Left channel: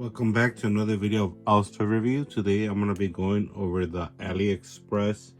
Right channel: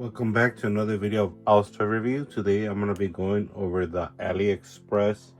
Welcome back to another video of house toy review. Today I'm going to be going over the AliExpress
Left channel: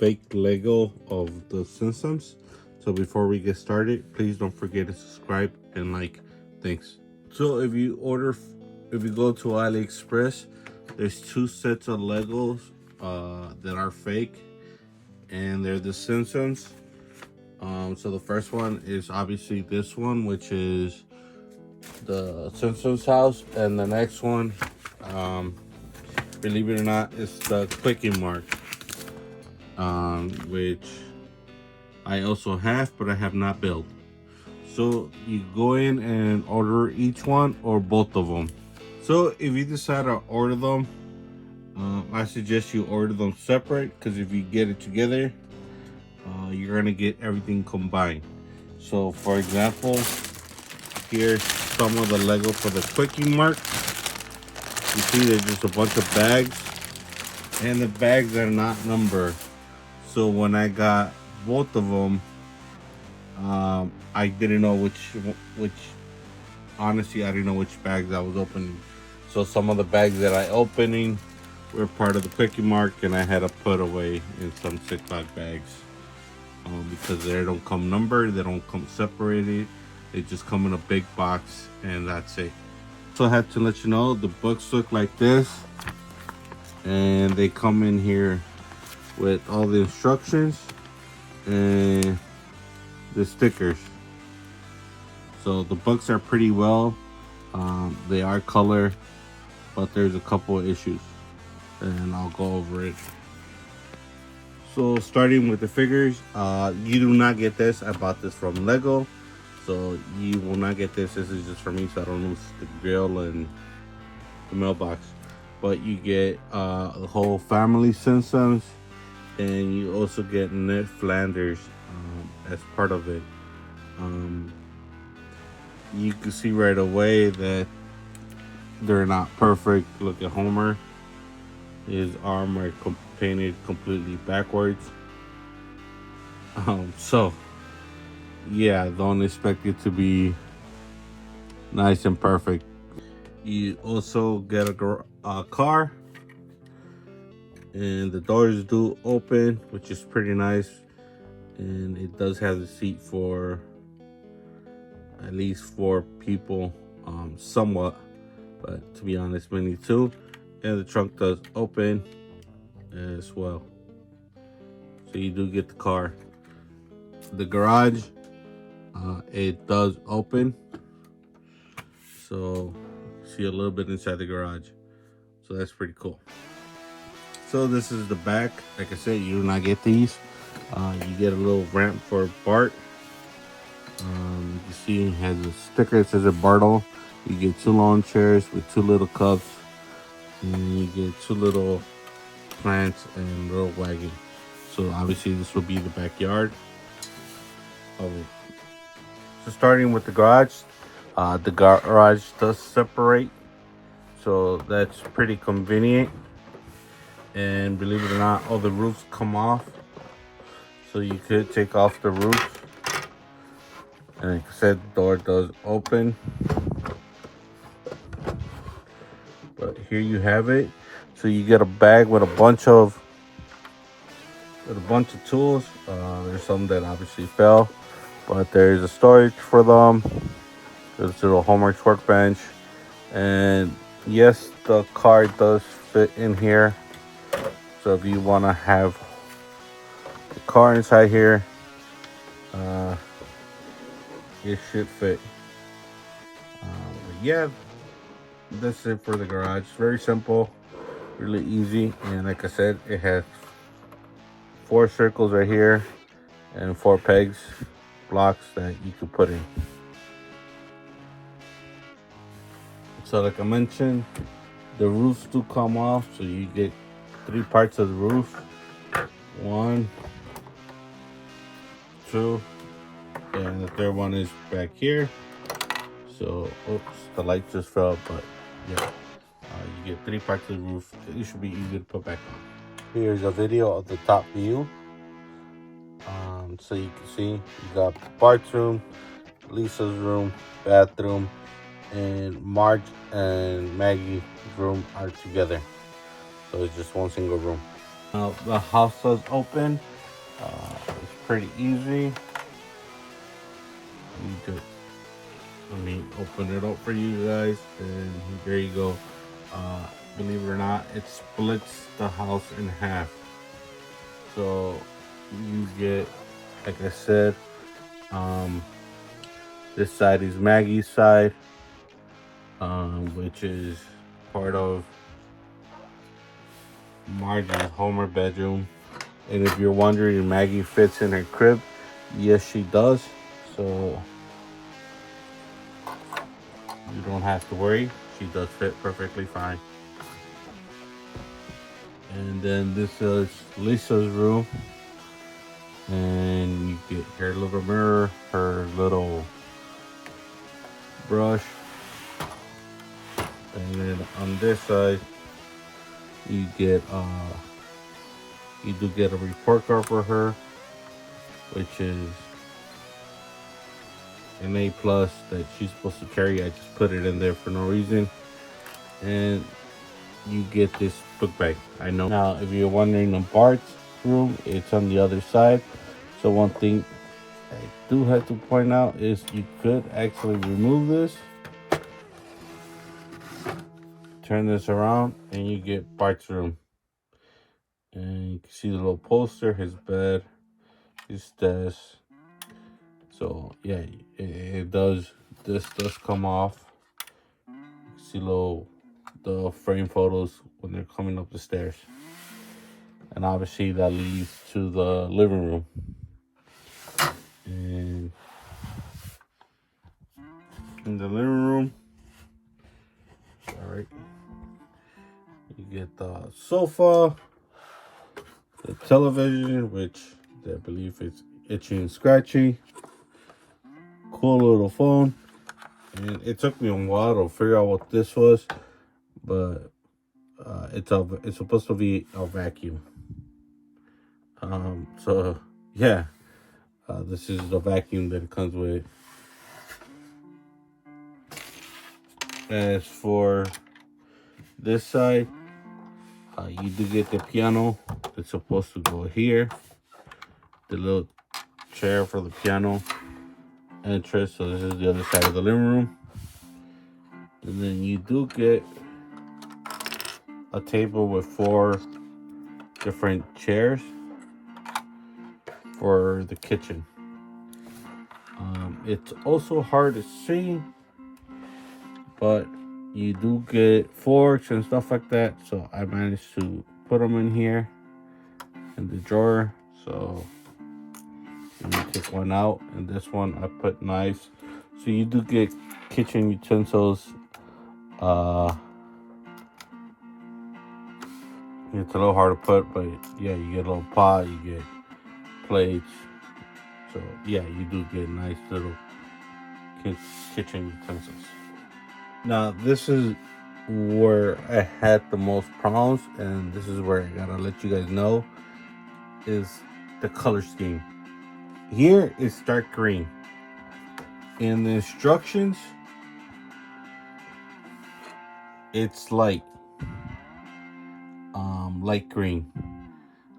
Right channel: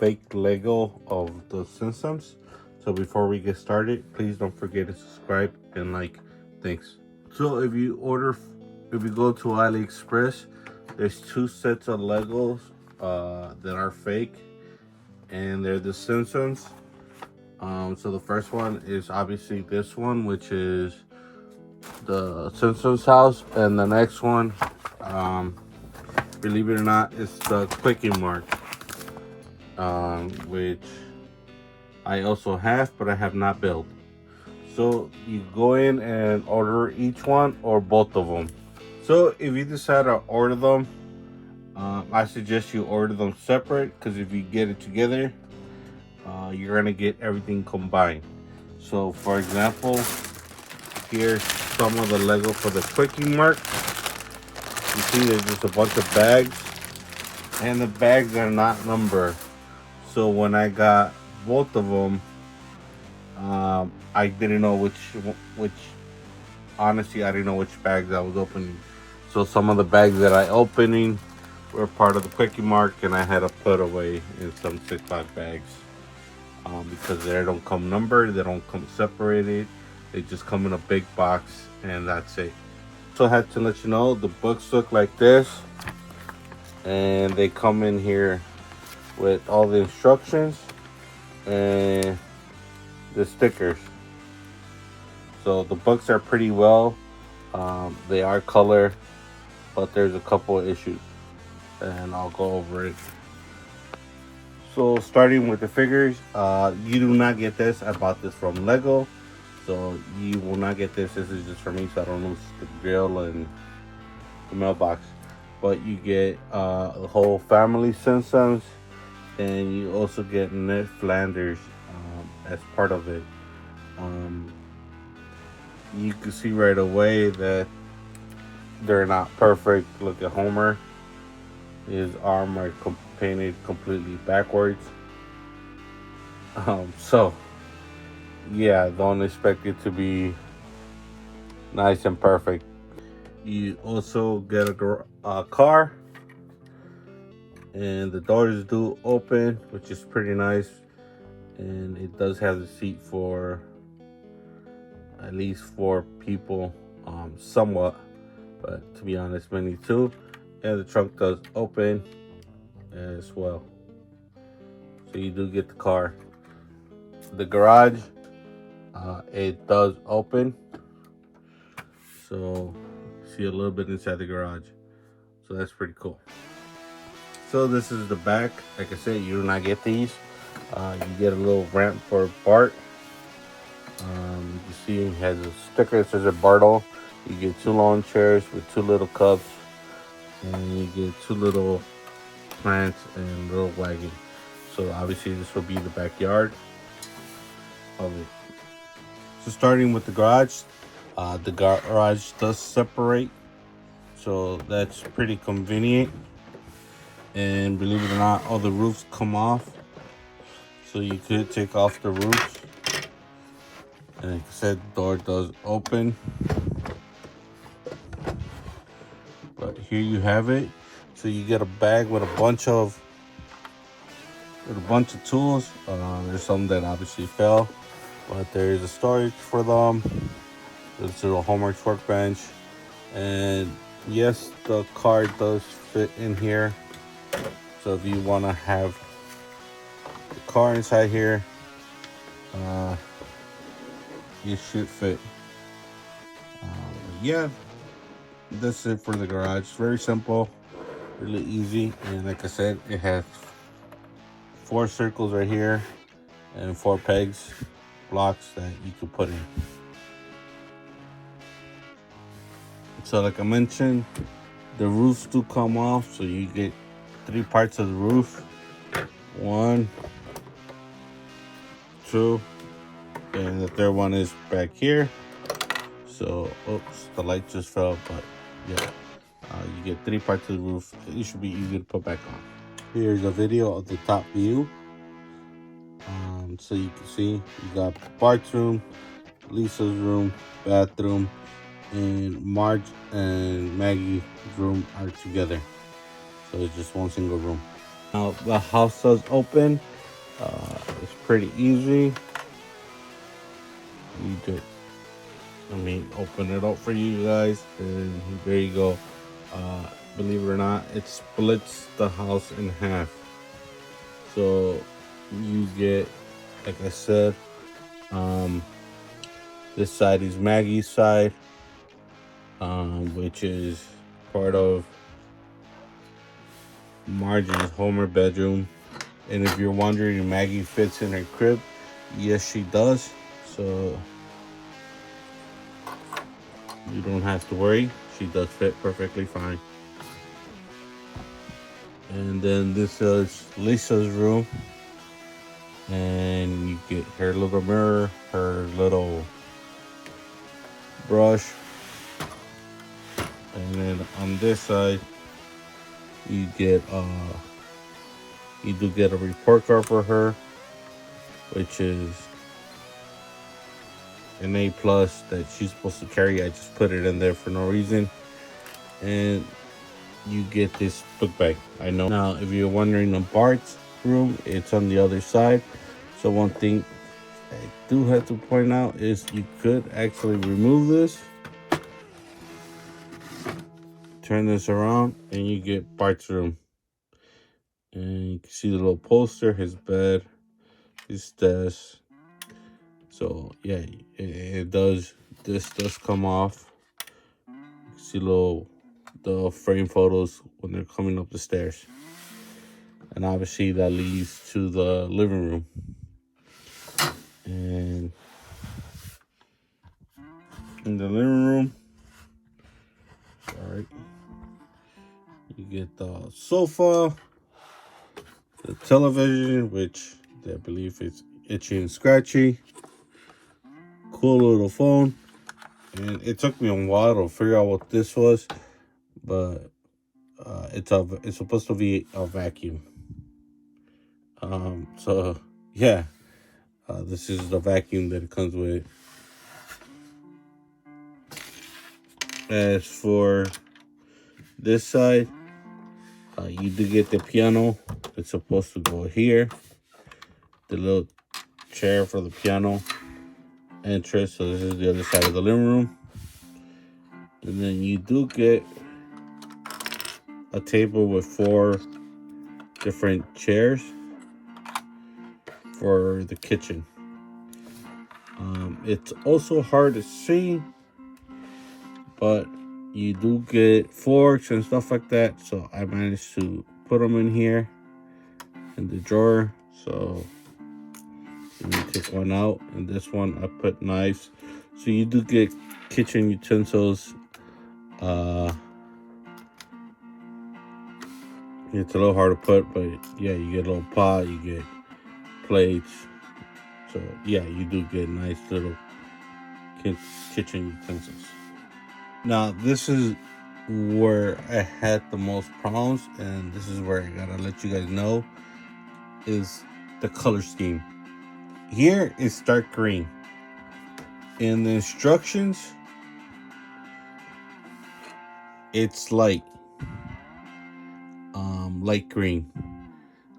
fake Lego of the Simpsons. So before we get started, please don't forget to subscribe and like. Thanks. So if you go to AliExpress, there's two sets of Legos that are fake, and they're the Simpsons. So the first one is obviously this one, which is the Simpsons house, and the next one, believe it or not, is the kiwkemart, which I also have, but I have not built. So you go in and order each one or both of them. So if you decide to order them, I suggest you order them separate, because if you get it together, you're gonna get everything combined. So for example, here's some of the Lego for the kiwkemart. You see there's just a bunch of bags, and the bags are not numbered. So when I got both of them, I didn't know which honestly I didn't know which bags I was opening. So some of the bags that I opening were part of the kiwkemart, and I had to put away in some Ziploc bags, because they don't come numbered, they don't come separated. They just come in a big box, and that's it. So I had to let you know the books look like this, and they come in here with all the instructions and the stickers. So the books are pretty well. They are color, but there's a couple of issues, and I'll go over it. So starting with the figures, you do not get this. I bought this from Lego. So you will not get this. This is just for me, so I don't lose the grill and the mailbox. But you get the whole family Simpsons, and you also get Ned Flanders as part of it. You can see right away that they're not perfect. Look at Homer. His arm are painted completely backwards. So yeah, don't expect it to be nice and perfect. You also get a car, and the doors do open, which is pretty nice, and it does have the seat for at least 4 people, somewhat, but to be honest, maybe 2. And the trunk does open as well, so you do get the car. The garage, it does open, so see a little bit inside the garage, so that's pretty cool. So this is the back. Like I said, you do not get these. You get a little ramp for Bart. You can see it has a sticker that says Bartle. You get 2 lawn chairs with 2 little cups, and you get 2 little plants and a little wagon. So obviously this will be the backyard of it. So starting with the garage does separate, so that's pretty convenient. And believe it or not, all the roofs come off, so you could take off the roof. And like I said, the door does open. But here you have it. So you get a bag with a bunch of tools. There's some that obviously fell, but there's a storage for them. There's a little homework workbench, and yes, the car does fit in here. So if you want to have the car inside here, it should fit. Yeah, that's it for the garage. Very simple, really easy, and like I said, it has 4 circles right here and 4 pegs, blocks that you can put in. So like I mentioned, the roofs do come off, so you get 3 parts of the roof. 1, 2, and the third one is back here. So, oops, the light just fell, but yeah, you get 3 parts of the roof. It should be easy to put back on. Here's a video of the top view. So you can see you got Bart's room, Lisa's room, bathroom, and Marge and Maggie's room are together. So it's just one single room. Now the house does open. It's pretty easy. You just, let me open it up for you guys, and there you go. Believe it or not, it splits the house in half. So you get, like I said, this side is Maggie's side, which is part of Margie's Homer bedroom. And if you're wondering if Maggie fits in her crib, yes, she does. So you don't have to worry. She does fit perfectly fine. And then this is Lisa's room. And you get her little mirror, her little brush. And then on this side, you get you do get a report card for her, which is an A plus that she's supposed to carry. I just put it in there for no reason. And you get this book bag. I know. Now, if you're wondering, the Bart's room, it's on the other side. So one thing I do have to point out is you could actually remove this, turn this around, and you get Bart's room. And you can see the little poster, his bed, his desk. So yeah, it does. This does come off. You see the frame photos when they're coming up the stairs, and obviously that leads to the living room. And in the living room, all right, you get the sofa, the television, which I believe is itchy and scratchy. Cool little phone. And it took me a while to figure out what this was, but it's supposed to be a vacuum. So yeah, this is the vacuum that it comes with. As for this side, you do get the piano that's supposed to go here, the little chair for the piano entrance. So this is the other side of the living room. And then you do get a table with 4 different chairs for the kitchen. It's also hard to see, but you do get forks and stuff like that. So I managed to put them in here in the drawer. So let me take one out, and this one I put knives. So you do get kitchen utensils. It's a little hard to put, but yeah, you get a little pot, you get plates. So yeah, you do get nice little kitchen utensils. Now this is where I had the most problems, and this is where I gotta let you guys know, is the color scheme. Here is dark green. In the instructions, it's light green.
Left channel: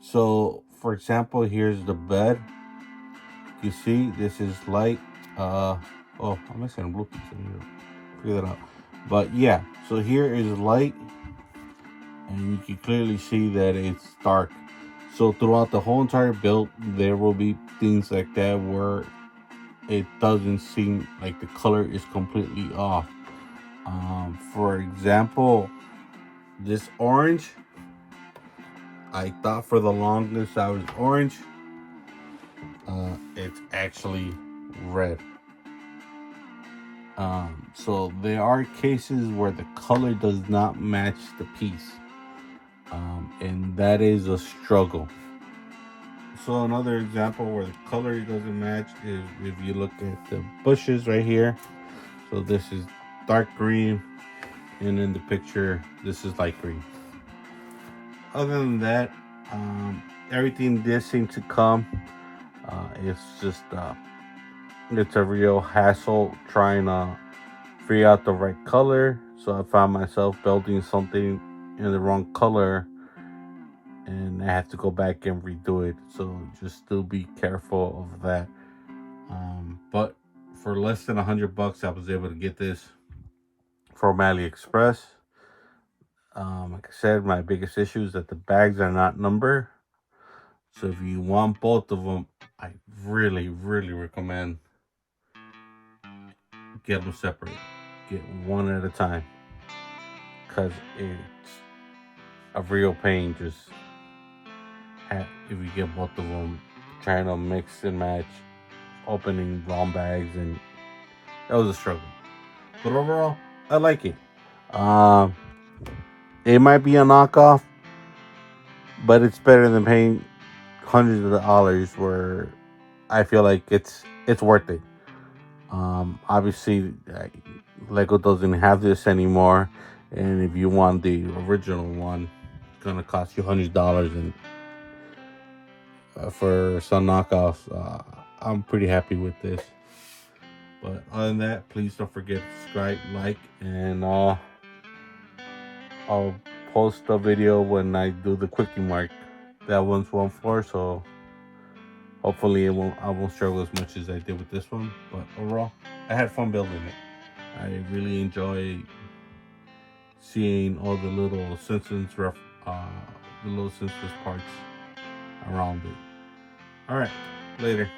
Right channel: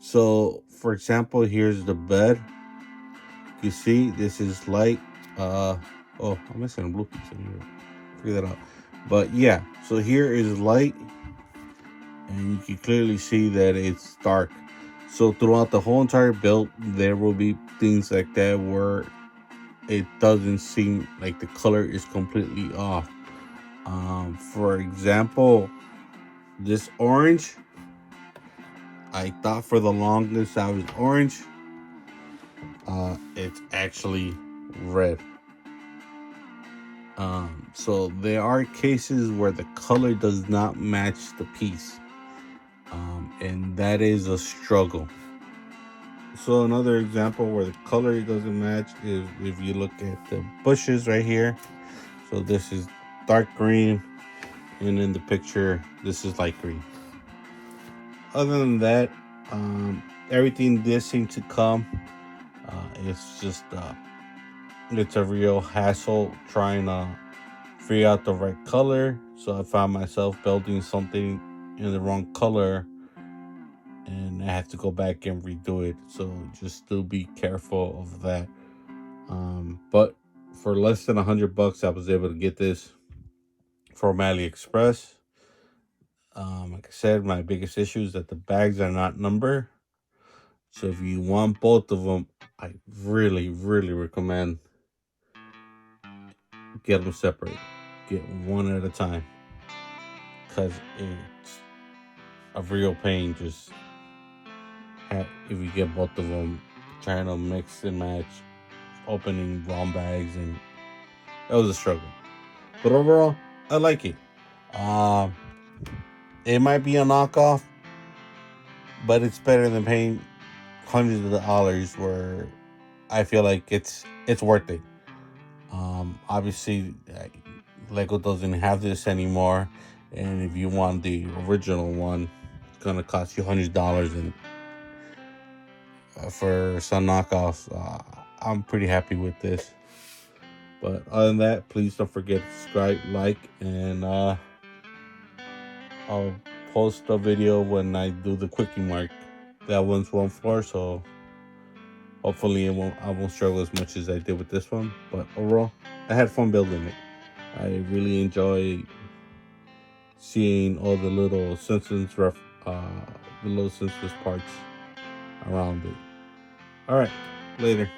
So for example, here's the bed. You see, this is light. Oh, I'm missing a blue piece. Figure that out. But yeah, so here is light, and you can clearly see that it's dark. So throughout the whole entire build, there will be things like that where it doesn't seem like the color is completely off. For example, this orange, I thought for the longest I was orange. It's actually red. So there are cases where the color does not match the piece, and that is a struggle. So another example where the color doesn't match is if you look at the bushes right here. So this is dark green, and in the picture this is light green. Other than that, everything did seem to come. It's just it's a real hassle trying to figure out the right color. So I found myself building something in the wrong color, and I have to go back and redo it. So just still be careful of that. But for less than $100, I was able to get this from AliExpress. Like I said, my biggest issue is that the bags are not numbered. So if you want both of them, I really, really recommend get them separate. Get one at a time, because it's a real pain just if you get both of them, trying to mix and match, opening wrong bags, and it was a struggle. But overall, I like it. It might be a knockoff, but it's better than paying hundreds of dollars. Where I feel like it's worth it. Obviously, Lego doesn't have this anymore, and if you want the original one, it's gonna cost you $100. And for some knockoffs, I'm pretty happy with this. But other than that, please don't forget to subscribe, like, and I'll post a video when I do the quickie mark. That one's 1-4, so hopefully I won't struggle as much as I did with this one. But overall, I had fun building it. I really enjoy seeing all the little Simpsons parts around it. All right, later.